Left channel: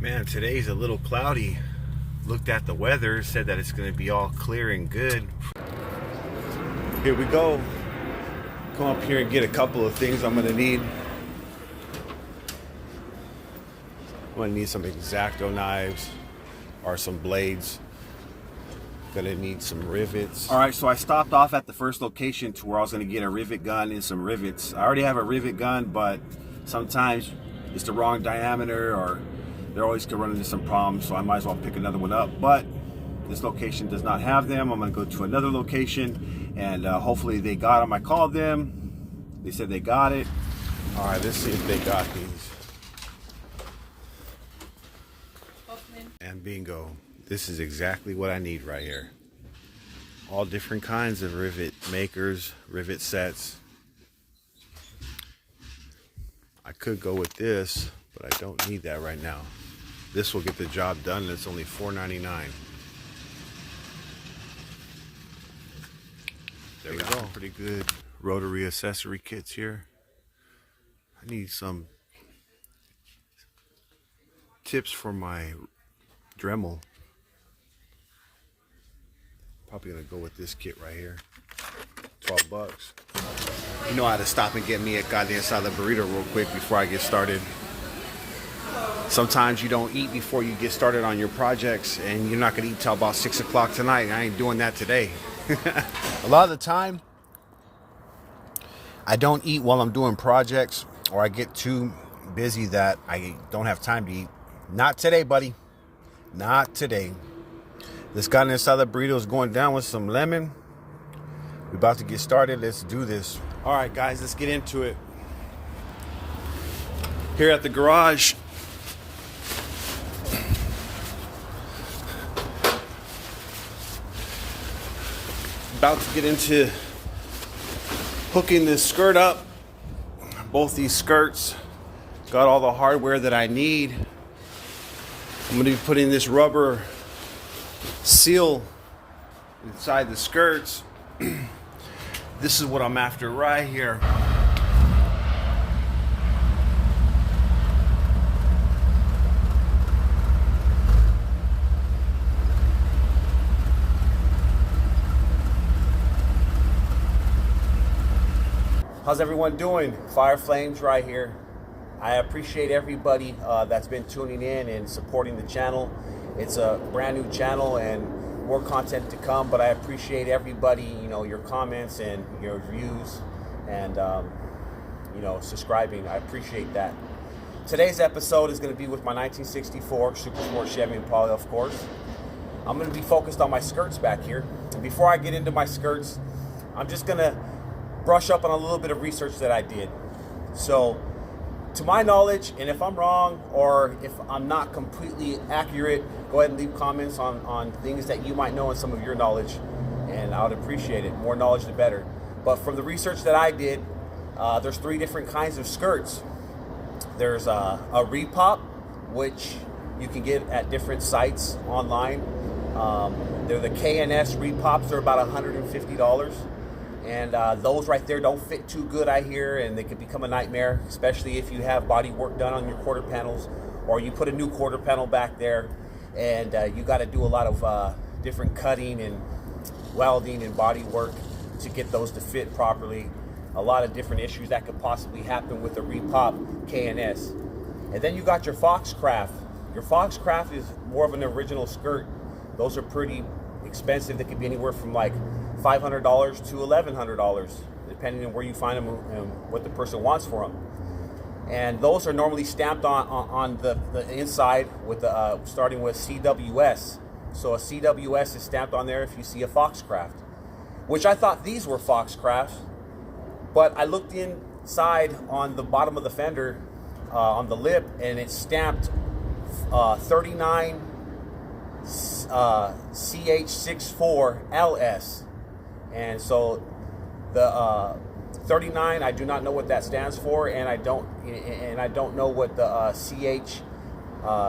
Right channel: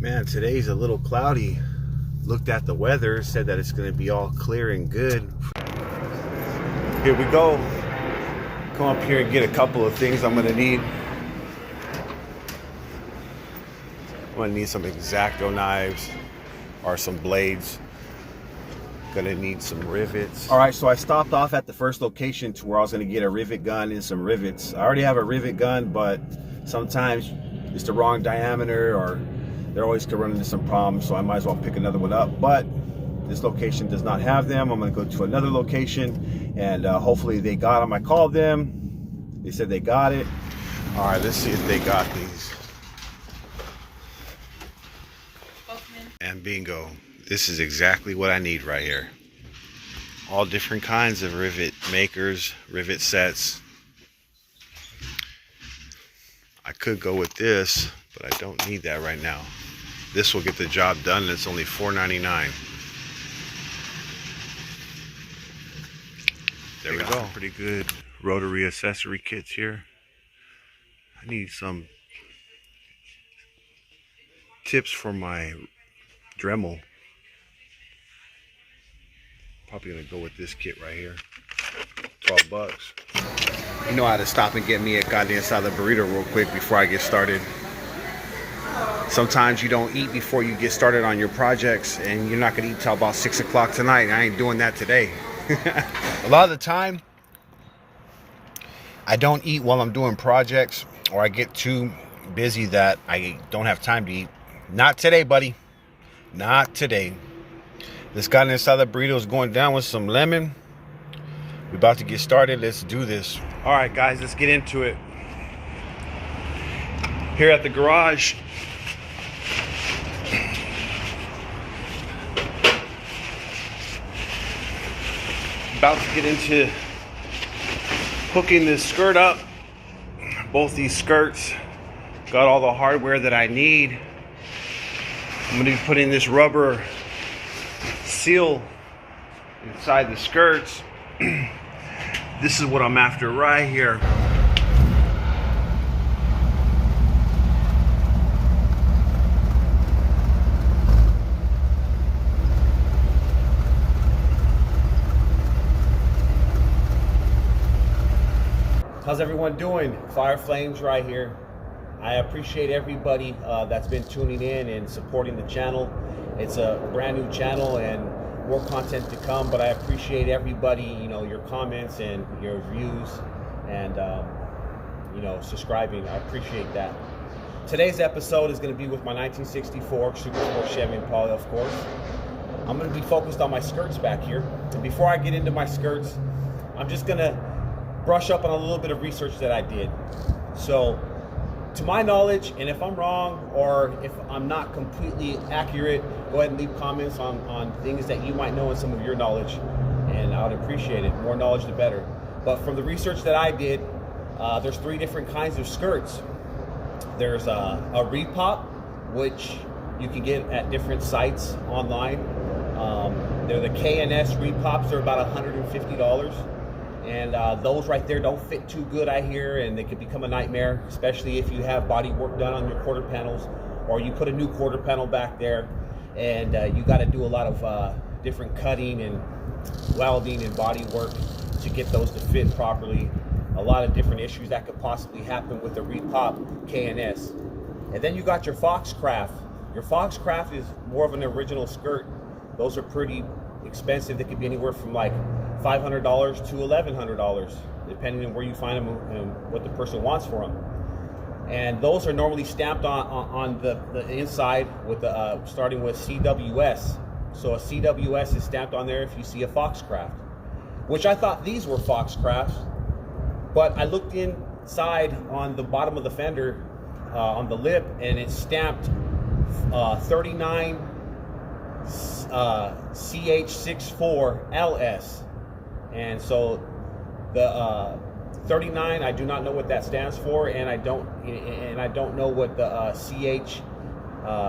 Man, today's a little cloudy. Looked at the weather, said that it's going to be all clear and good. Here we go. Come up here and get a couple of things I'm going to need. I'm going to need some X-Acto knives or some blades. Gonna need some rivets. All right, so I stopped off at the first location to where I was gonna get a rivet gun and some rivets. I already have a rivet gun, but sometimes it's the wrong diameter or they're always could run into some problems, so I might as well pick another one up. But this location does not have them. I'm gonna go to another location and hopefully they got them. I called them, they said they got it. All right, let's see if they got these. And bingo. This is exactly what I need right here. All different kinds of rivet makers, rivet sets. I could go with this, but I don't need that right now. This will get the job done and it's only $4.99. There we go. Pretty good rotary accessory kits here. I need some tips for my Dremel. Probably gonna go with this kit right here. 12 bucks. You know I had to stop and get me a goddamn salad burrito real quick before I get started. Sometimes you don't eat before you get started on your projects, and you're not gonna eat till about 6 o'clock tonight. I ain't doing that today. A lot of the time, I don't eat while I'm doing projects, or I get too busy that I don't have time to eat. Not today, buddy. Not today. This guy inside the burrito is going down with some lemon. We're about to get started. Let's do this. All right, guys, let's get into it. Here at the garage, about to get into hooking this skirt up. Both these skirts got all the hardware that I need. I'm gonna be putting this rubber seal inside the skirts. This is what I'm after right here. How's everyone doing? Fire Flames right here. I appreciate everybody that's been tuning in and supporting the channel. It's a brand new channel and more content to come, but I appreciate everybody, you know, your comments and your views and, you know, subscribing. I appreciate that. Today's episode is going to be with my 1964 Super Sport Chevy Impala, of course. I'm going to be focused on my skirts back here. And before I get into my skirts, I'm just going to brush up on a little bit of research that I did. So, to my knowledge, and if I'm wrong or if I'm not completely accurate, go ahead and leave comments on things that you might know and some of your knowledge, and I would appreciate it. More knowledge, the better. But from the research that I did, there's 3 different kinds of skirts. There's a repop, which you can get at different sites online. They're the K&S repops. They're about $150. And those right there don't fit too good, I hear, and they can become a nightmare, especially if you have body work done on your quarter panels, or you put a new quarter panel back there, and you got to do a lot of different cutting and welding and body work to get those to fit properly. A lot of different issues that could possibly happen with the repop K&S. And then you got your Foxcraft. Your Foxcraft is more of an original skirt. Those are pretty expensive. They could be anywhere from like $500 to $1,100, depending on where you find them and what the person wants for them. And those are normally stamped on the inside with the starting with CWS. So a CWS is stamped on there if you see a Foxcraft, which I thought these were Foxcrafts, but I looked inside on the bottom of the fender on the lip, and it's stamped 39 CH64LS. And so the 39, I do not know what that stands for, and I don't know what the CH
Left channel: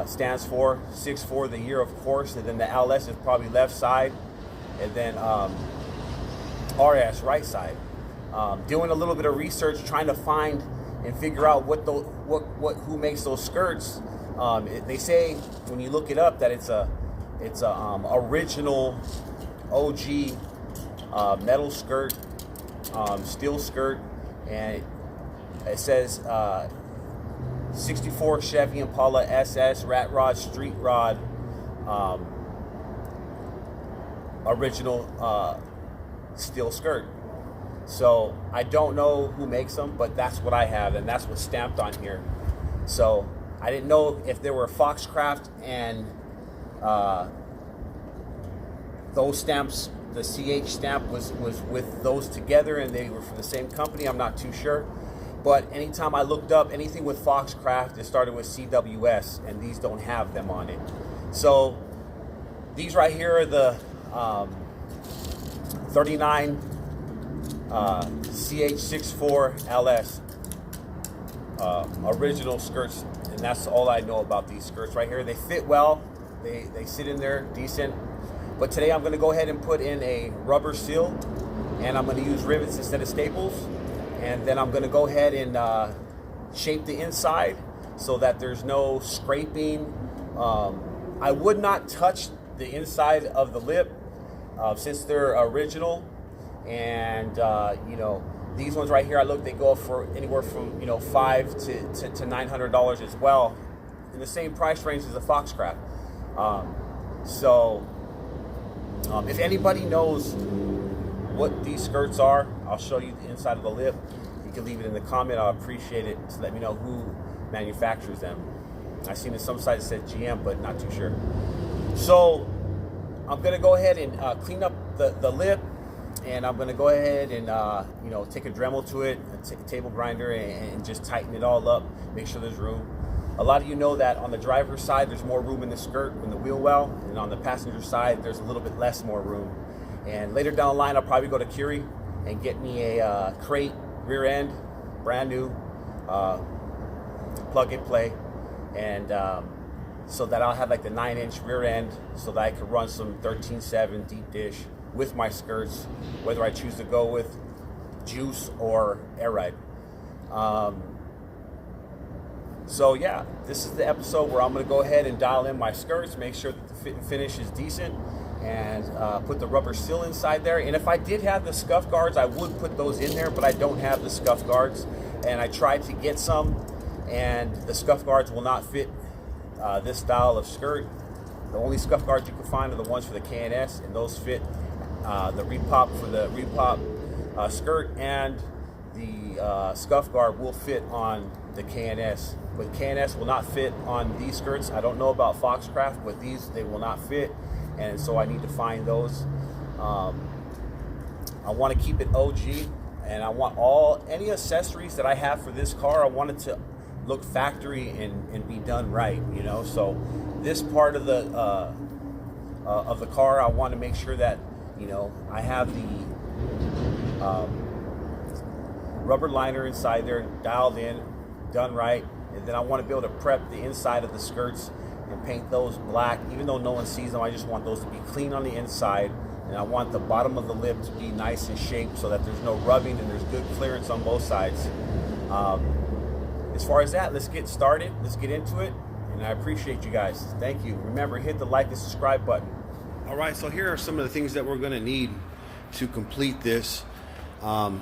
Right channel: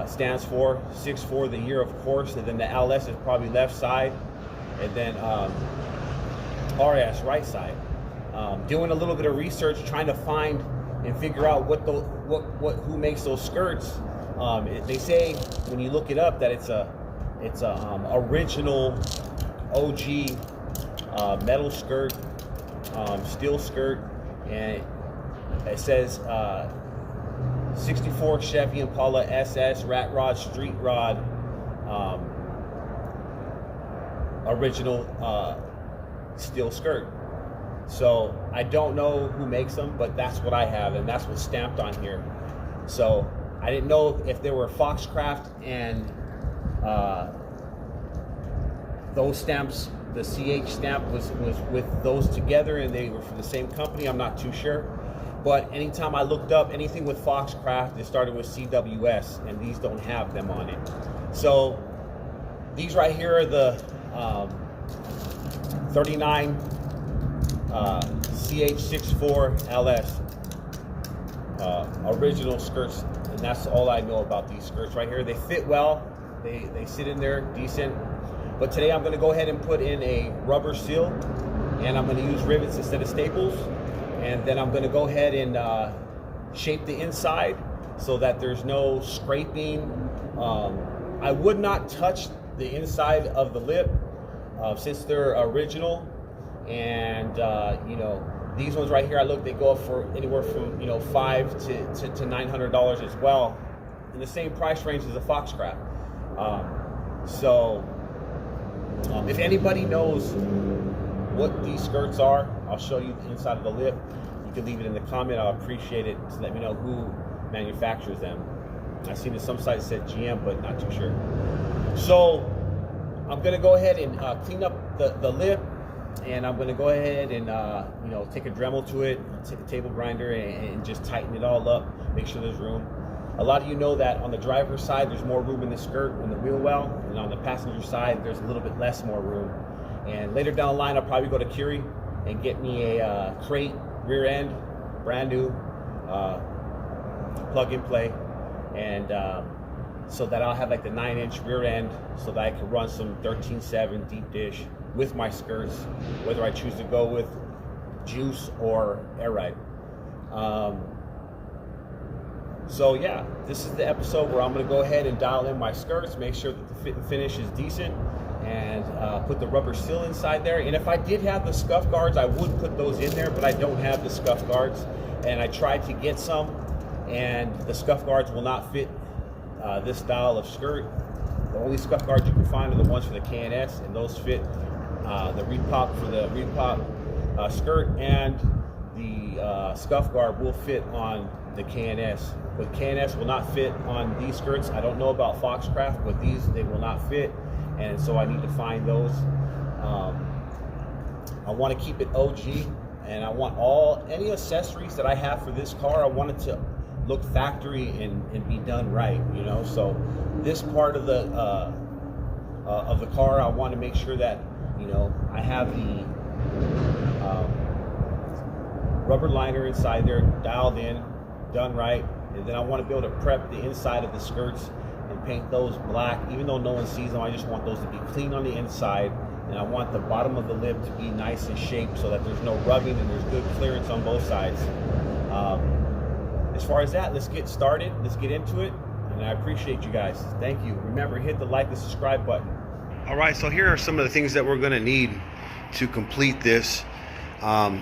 stands for. 64, the year, of course, and then the LS is probably left side, and then RS, right side. Doing a little bit of research, trying to find and figure out who makes those skirts. They say when you look it up that it's a original OG metal skirt, steel skirt, and it says 64 Chevy Impala SS rat rod street rod, original steel skirt. So I don't know who makes them, but that's what I have, and that's what's stamped on here. So I didn't know if there were Foxcraft and those stamps, the CH stamp was with those together and they were from the same company. I'm not too sure. But anytime I looked up anything with Foxcraft, it started with CWS, and these don't have them on it. So these right here are the 39 CH64 LS original skirts, and that's all I know about these skirts right here. They fit well, they sit in there decent. But today I'm going to go ahead and put in a rubber seal, and I'm going to use rivets instead of staples. And then I'm going to go ahead and shape the inside so that there's no scraping. I would not touch the inside of the lip since they're original. And you know, these ones right here, I look, they go for anywhere from, you know, $500 to $900 as well, in the same price range as a Foxcraft. If anybody knows what these skirts are, I'll show you the inside of the lip. You can leave it in the comment. I'll appreciate it. Just let me know who manufactures them. I've seen in some sites that said GM, but not too sure. So I'm gonna go ahead and clean up the lip, and I'm gonna go ahead and you know, take a Dremel to it, take a table grinder, and just tighten it all up. Make sure there's room. A lot of you know that on the driver's side, there's more room in the skirt in the wheel well, and on the passenger side, there's a little bit less more room. And later down the line, I'll probably go to Curie and get me a crate rear end, brand new, plug and play, and so that I'll have like the 9-inch rear end, so that I can run some 13.7 deep dish with my skirts, whether I choose to go with juice or air ride. So yeah, this is the episode where I'm going to go ahead and dial in my skirts, make sure that the fit and finish is decent, and put the rubber seal inside there. And if I did have the scuff guards, I would put those in there, but I don't have the scuff guards, and I tried to get some, and the scuff guards will not fit this style of skirt. The only scuff guards you can find are the ones for the K&S, and those fit the repop for the repop skirt, and the scuff guard will fit on the K&S. But K&S will not fit on these skirts. I don't know about Foxcraft, but these, they will not fit, and so I need to find those. I want to keep it OG, and I want any accessories that I have for this car, I want it to look factory and be done right, you know. So this part of the car, I want to make sure that, you know, I have the rubber liner inside there dialed in, done right, and then I want to be able to prep the inside of the skirts and paint those black. Even though no one sees them, I just want those to be clean on the inside, and I want the bottom of the lip to be nice and shaped so that there's no rubbing and there's good clearance on both sides. As far as that, let's get started. Let's get into it, and I appreciate you guys. Thank you. Remember, hit the like and subscribe button. All right, so here are some of the things that we're going to need to complete this. I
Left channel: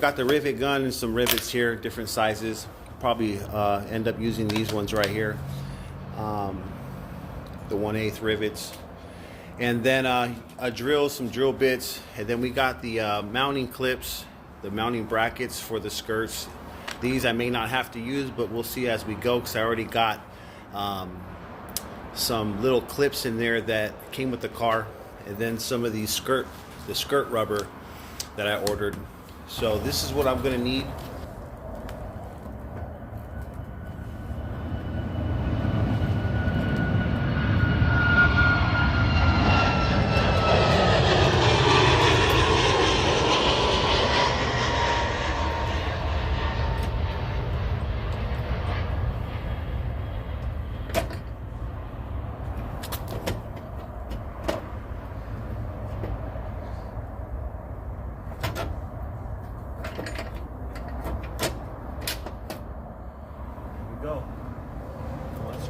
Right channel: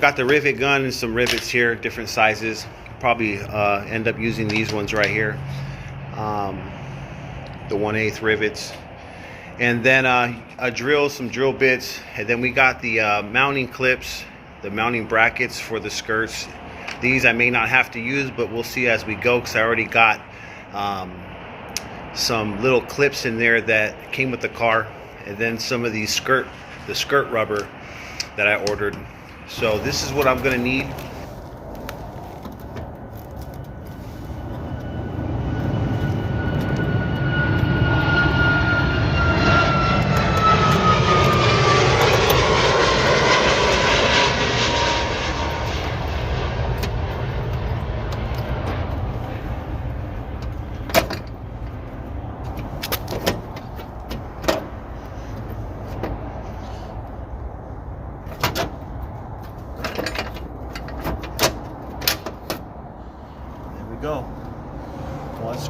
got the rivet gun and some rivets here, different sizes. Probably end up using these ones right here, the 1/8 rivets, and then a drill, some drill bits, and then we got the mounting clips, the mounting brackets for the skirts. These I may not have to use, but we'll see as we go, because I already got some little clips in there that came with the car, and then some of these the skirt rubber that I ordered. So this is what I'm going to need.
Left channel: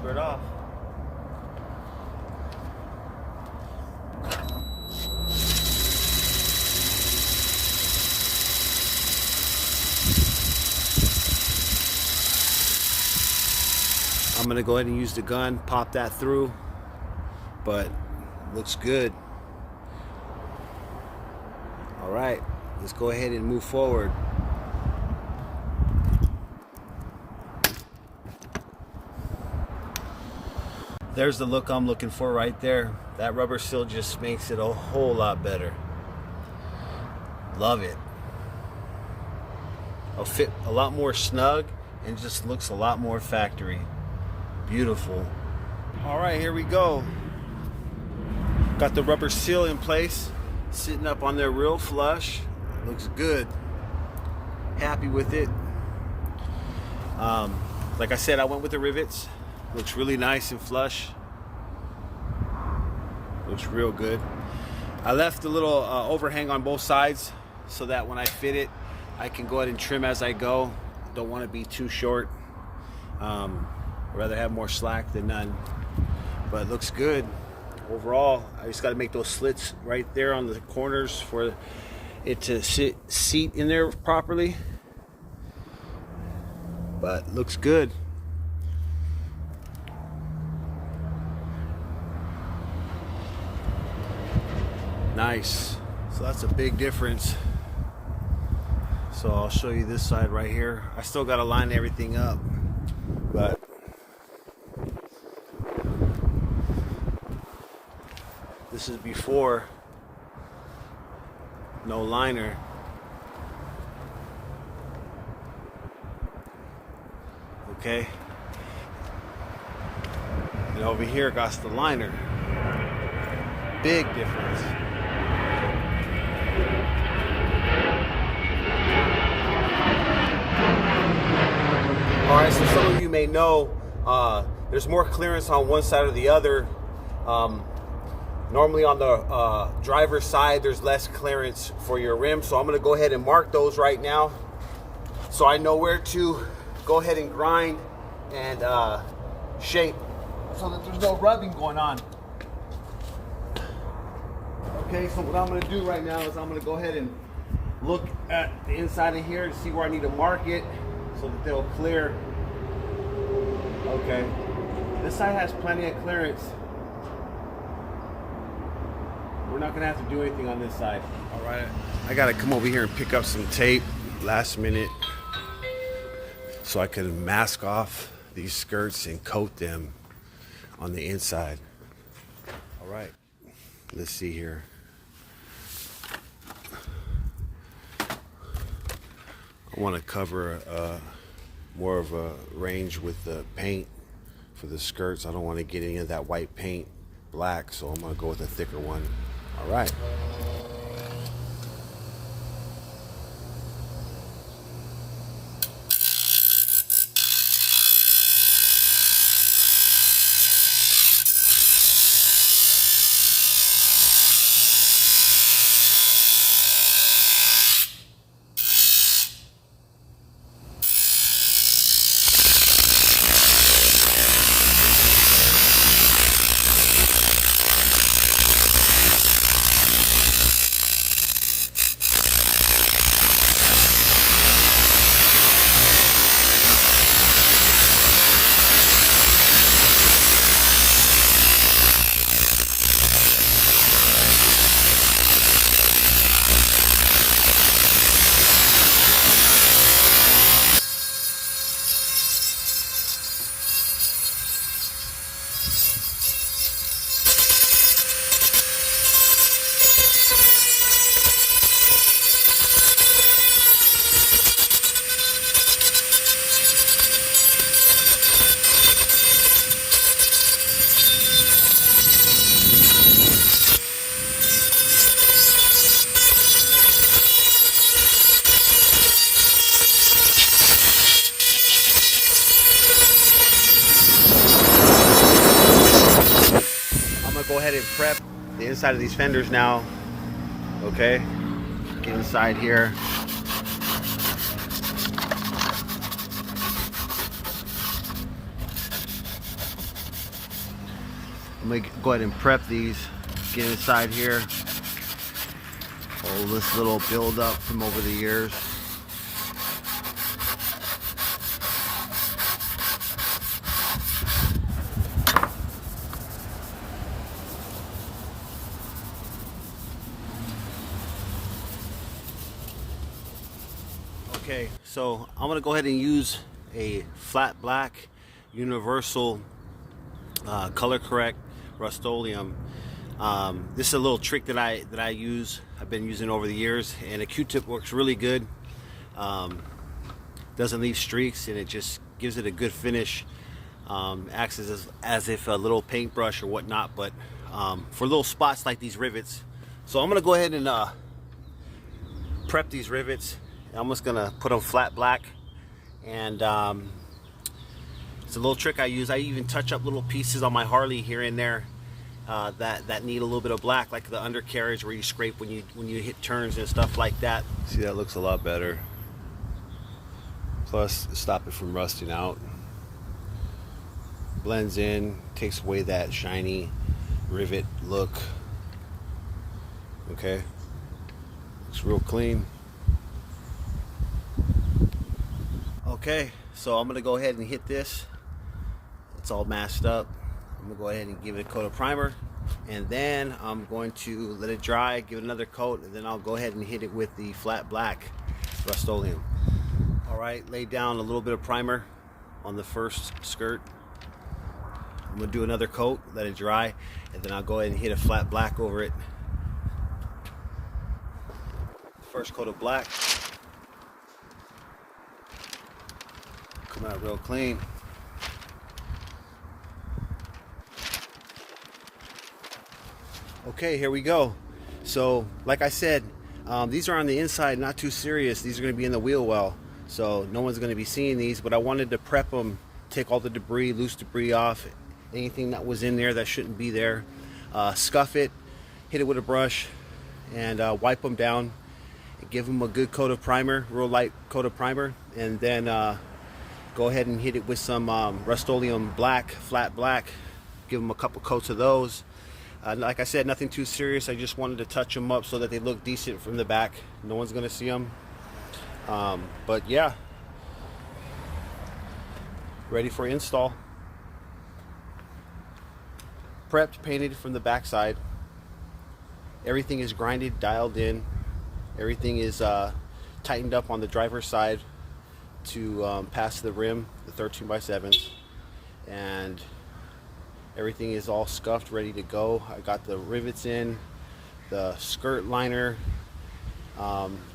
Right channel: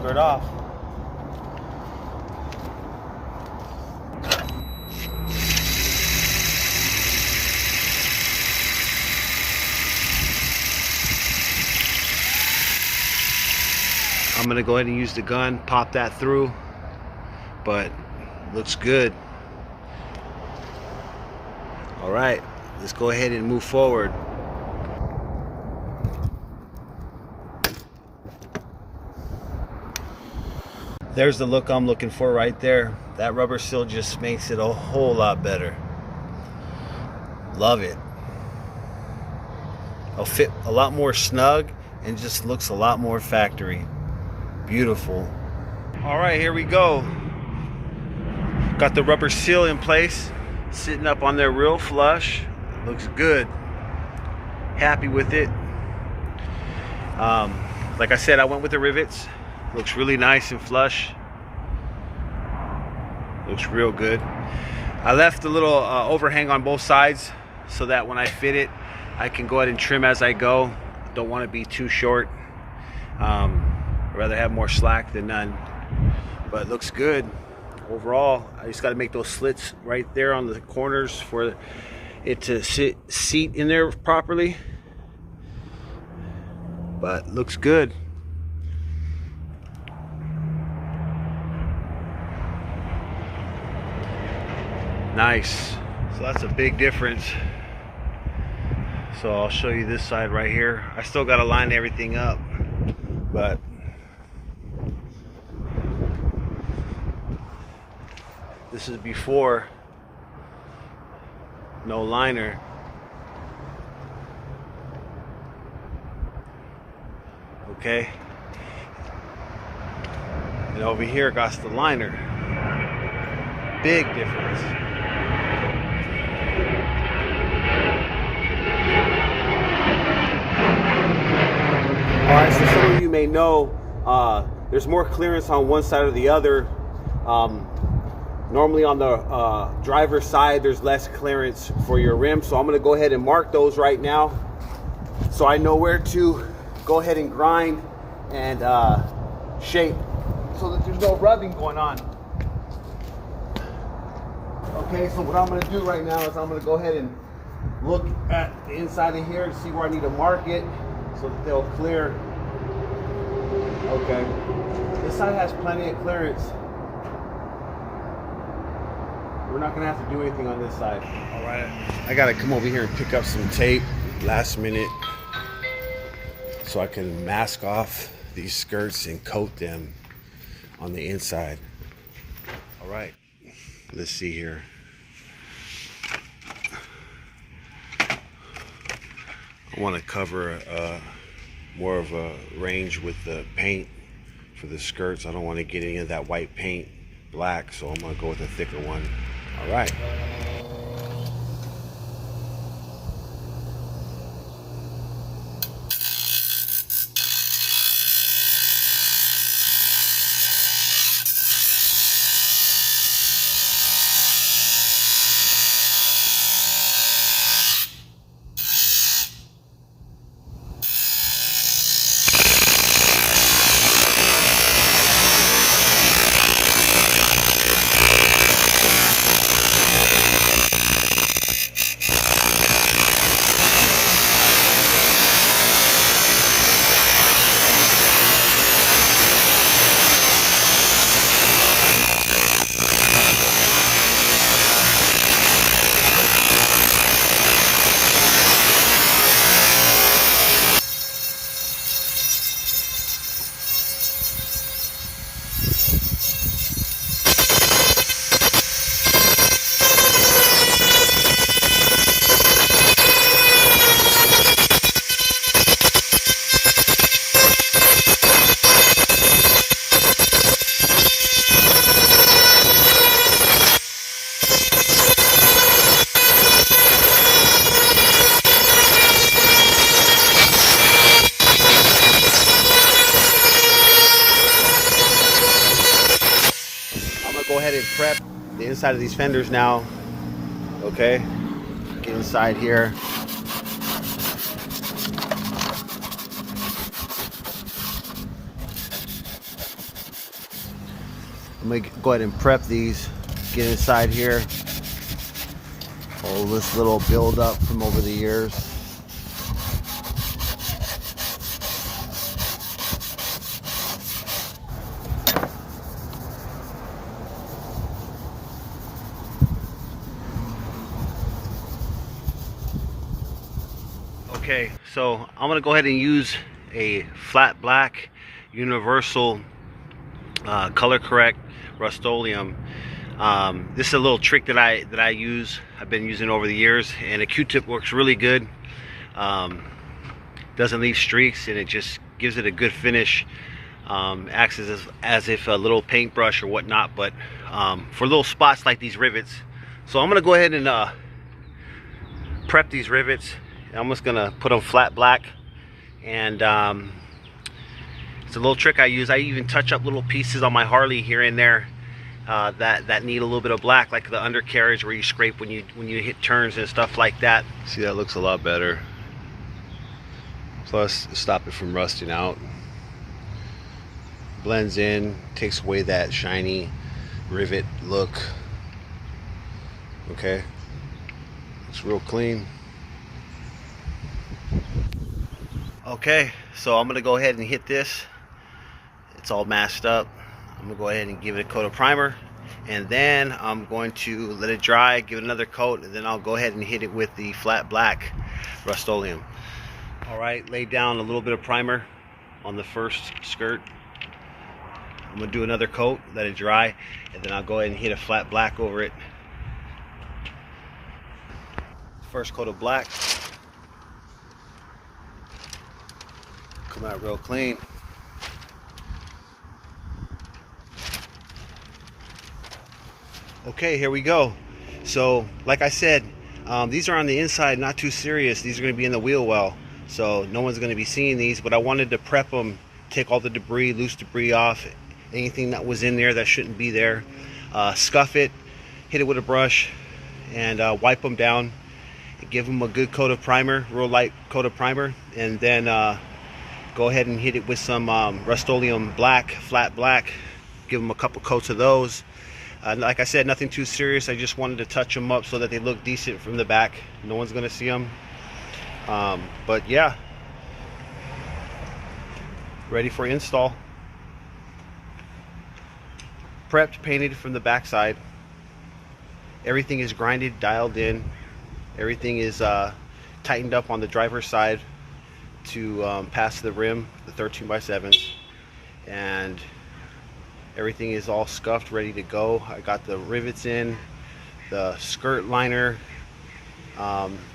skirt off. I'm gonna go ahead and use the gun, pop that through, but looks good. All right, let's go ahead and move forward. There's the look I'm looking for right there. That rubber seal just makes it a whole lot better. Love it. It'll fit a lot more snug and just looks a lot more factory. Beautiful. All right, here we go. Got the rubber seal in place, sitting up on there real flush. Looks good. Happy with it. Like I said, I went with the rivets. Looks really nice and flush. Looks real good. I left a little overhang on both sides so that when I fit it, I can go ahead and trim as I go. Don't want to be too short. I'd rather have more slack than none. But it looks good. Overall, I just got to make those slits right there on the corners for it to seat in there properly. But looks good. Nice. So that's a big difference. So I'll show you this side right here. I still got to line everything up, but this is before, no liner. Okay. And over here got the liner. Big difference. All right, so some of you may know there's more clearance on one side or the other. Normally on the driver's side, there's less clearance for your rim. So I'm gonna go ahead and mark those right now so I know where to go ahead and grind and shape so that there's no rubbing going on. Okay, so what I'm gonna do right now is I'm gonna go ahead and look at the inside of here to see where I need to mark it so that they'll clear. Okay, this side has plenty of clearance. We're not gonna have to do anything on this side. All right, I gotta come over here and pick up some tape last minute so I can mask off these skirts and coat them on the inside. All right, let's see here. I want to cover more of a range with the paint for the skirts. I don't want to get any of that white paint black, so I'm going to go with a thicker one. All right. Go ahead and prep the inside of these fenders now. Okay, get inside here. I'm gonna go ahead and prep these, get inside here. All this little buildup from over the years. Okay, so I'm gonna go ahead and use a flat black universal color correct Rust-Oleum. This is a little trick that I use. I've been using over the years, and a Q-tip works really good. Doesn't leave streaks, and it just gives it a good finish. Acts as if a little paintbrush or whatnot, but for little spots like these rivets. So I'm gonna go ahead and prep these rivets. I'm just gonna put them flat black, and it's a little trick I use. I even touch up little pieces on my Harley here and there that need a little bit of black, like the undercarriage where you scrape when you hit turns and stuff like that. See, that looks a lot better. Plus, stop it from rusting out. Blends in, takes away that shiny rivet look. Okay, it's real clean. Okay, so I'm gonna go ahead and hit this. It's all masked up. I'm gonna go ahead and give it a coat of primer, and then I'm going to let it dry, give it another coat, and then I'll go ahead and hit it with the flat black Rust-Oleum. All right, lay down a little bit of primer on the first skirt. I'm gonna do another coat, let it dry, and then I'll go ahead and hit a flat black over it. First coat of black. Come out real clean. Okay, here we go. So, like I said, these are on the inside, not too serious. These are going to be in the wheel well, so no one's going to be seeing these, but I wanted to prep them, take all the debris, loose debris off, anything that was in there that shouldn't be there. Scuff it, hit it with a brush, and wipe them down. Give them a good coat of primer, real light coat of primer, and then go ahead and hit it with some Rust-Oleum black, flat black. Give them a couple coats of those. Like I said, nothing too serious. I just wanted to touch them up so that they look decent from the back. No one's gonna see them. But yeah, ready for install. Prepped, painted from the back side. Everything is grinded, dialed in. Everything is tightened up on the driver's side to pass the rim, the 13x7s, and everything is all scuffed, ready to go. I got the rivets in, the skirt liner,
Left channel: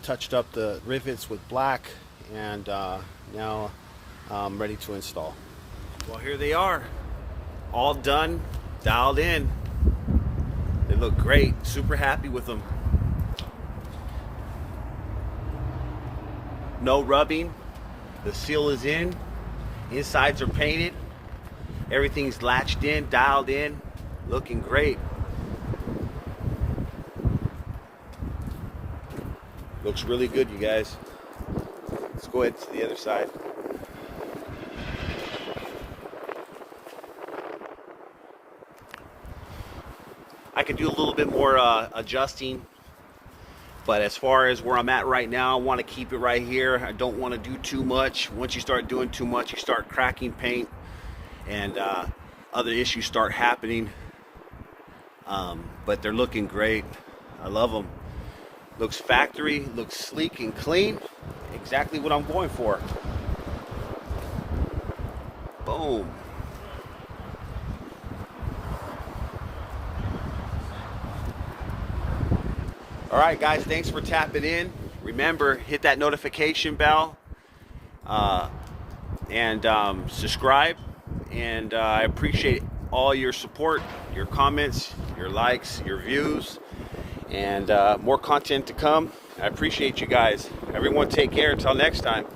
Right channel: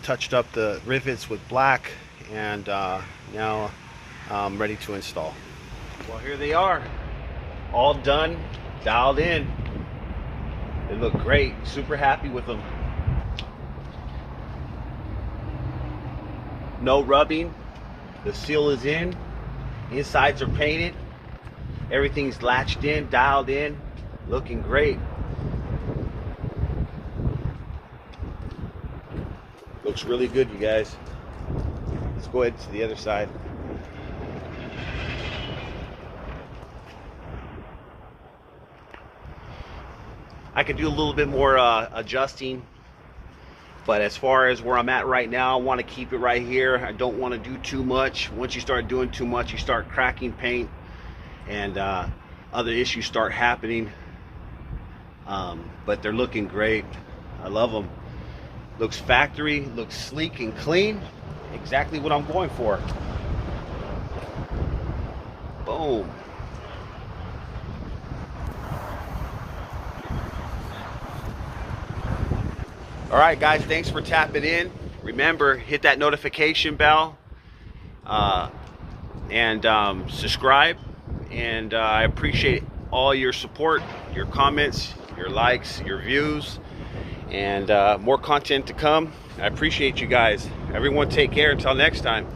touched up the rivets with black, and now I'm ready to install. Well, here they are, all done, dialed in. They look great, super happy with them. No rubbing, the seal is in, insides are painted, everything's latched in, dialed in, looking great. Looks really good, you guys. Let's go ahead to the other side. I could do a little bit more adjusting, but as far as where I'm at right now, I want to keep it right here. I don't want to do too much. Once you start doing too much, you start cracking paint, and other issues start happening. But they're looking great. I love them. Looks factory, looks sleek and clean. Exactly what I'm going for. Boom. All right, guys, thanks for tapping in. Remember, hit that notification bell and subscribe. And I appreciate all your support, your comments, your likes, your views, and more content to come. I appreciate you guys. Everyone take care. Until next time.